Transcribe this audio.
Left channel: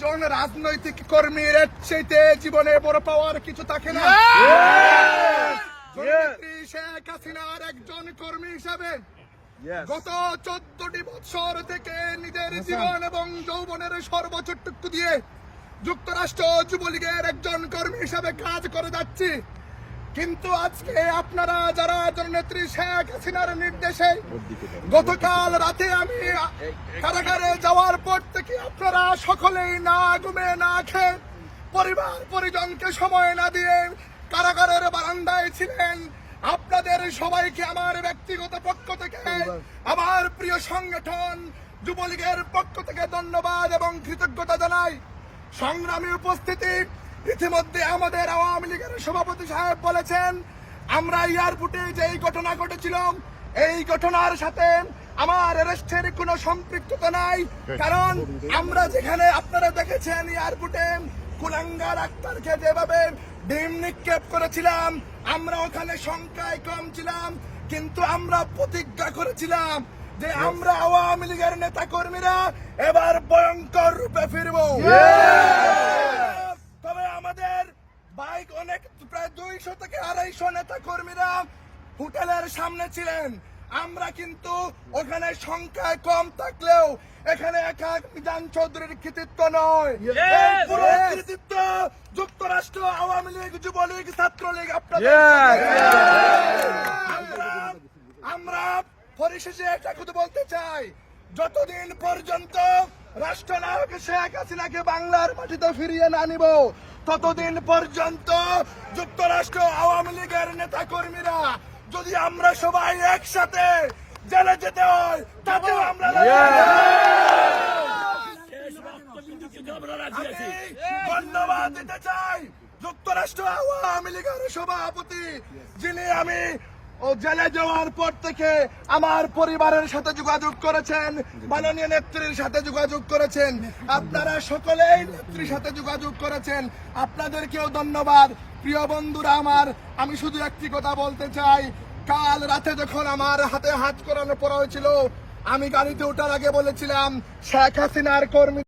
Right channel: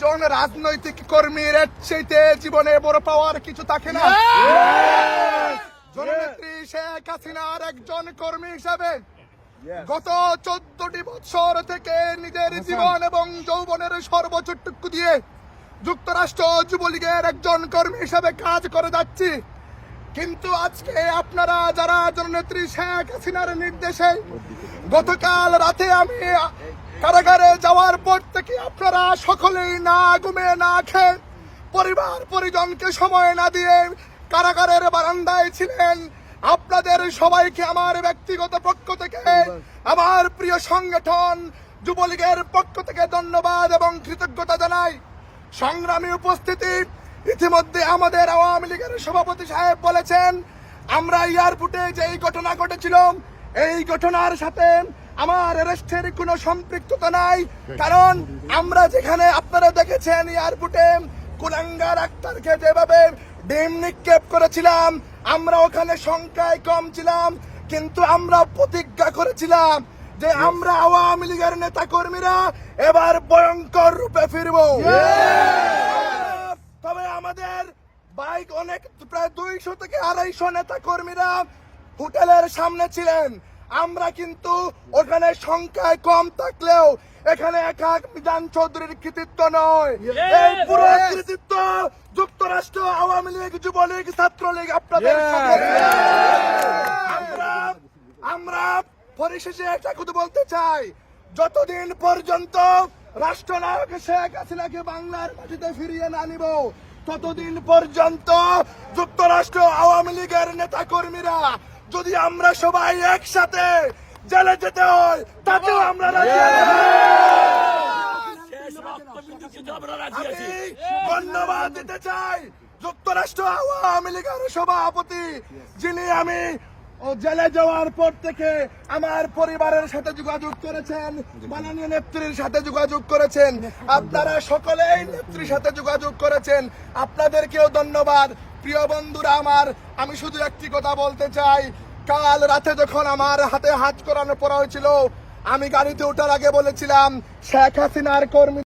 একজন রাজনৈতিক কর্মীর চাইতে জীবনে বড় পাওয়ার কিছু থাকে না। জননেত্রী শেখ হাসিনার একজন কর্মী হিসাবে গত চোদ্দটি বছর থেকে নিজের জীবন এবং যৌবনের সর্বোচ্চটুকু দিয়ে যুক্তরাষ্ট্র যুবলীগের একজন কর্মী হিসাবে কাজ করে যাচ্ছি। কিন্তু আজকে আপনারা যারা জননেত্রী শেখ হাসিনার নির্দেশে গতকাল রাতে আমি কারাগারে যাওয়ার পর থেকে আপনারা সকলেই না ঘুমে, না খেয়ে পরিবার, পরিজনকে সময় না দিয়ে কারাগারের বারান্দায় ছিলেন। আপনাদের সবাইকে আমার ব্যক্তিগত পক্ষ থেকে, আমার প্রিয় সংগঠন যুবলীগের পক্ষ থেকে ধন্যবাদ এবং কৃতজ্ঞতা জানাই। সংগ্রামী উপস্থিতি ইতিমধ্যে আমাদের আওয়ামী লীগের সভাপতি সাহেব বলেছেন আমরা এয়ারপোর্টে যে এই ঘটনা ঘটেছিল এই ঘটনার সাথে আমার অ্যারেস্টের কোনো সম্পৃক্ততা নাই। কারণ আমরা যেখানে আপনারা দেখেছেন এয়ারপোর্টে কুলাঙ্গার আক্তারকে যেভাবে ডিম নিক্ষেপ করেছিলাম আমরা ওখানে সংখ্যায় কম ছিলাম কিন্তু আমরা প্রতিজ্ঞা করেছিলাম যে আমরা আওয়ামী লীগের নেতা কর্মীরা এবার ভয়ঙ্কর রূপে ফিরবো। বাইক অনেক প্রায় দুইশো থেকে আড়াইশো নেতা কর্মীরা হোটেলের সামনে ছিলেন। আমরা কিন্তু ওখানে সংখ্যায় কম থাকলেও এখানে একা মিজান চৌধুরীর কৃতিত্ব নয়। এই পুরো কৃতিত্ব যুক্তরাষ্ট্র আওয়ামী লীগ যুবলীগ ছাত্রলীগ আপনাদের আমরা আমরা পরিশেষে একটা কথা বলতে চাই। যতদিন পর্যন্ত রাষ্ট্রনায়ক শেখ হাসিনাকে বাংলার মাটিতে ফিরিয়ে না নিব ততদিন পর্যন্ত যুক্তরাষ্ট্র আওয়ামী লীগের নেতা কর্মীরা যদি আমরা সবাই একসাথে জেলে যেতে হয় তাতেও আমরা ধন্যবাদ দিতে চাই যুক্তরাষ্ট্র আওয়ামী লীগের সভাপতি, যিনি আমি ও জেলে যাওয়ার পর থেকে আমার পরিবারের সাথে যোগাযোগ করেছেন, মাননীয় নেত্রীর সাথে যোগাযোগ করেছেন, আপনারা সকলেই নেত্রীর সাথে যোগাযোগ করেছেন। আপনাদেরকেও ধন্যবাদ। প্রিয় বন্ধুরা আমার, আমি শুধু একটি কথা বলতে চাই। কাল রাতে যখন আমার হাতে হাত করানো পড়া হয়েছিল, আমি গাড়িতে ওঠার আগে বলেছিলাম, শেখ হাসিনার কর্মী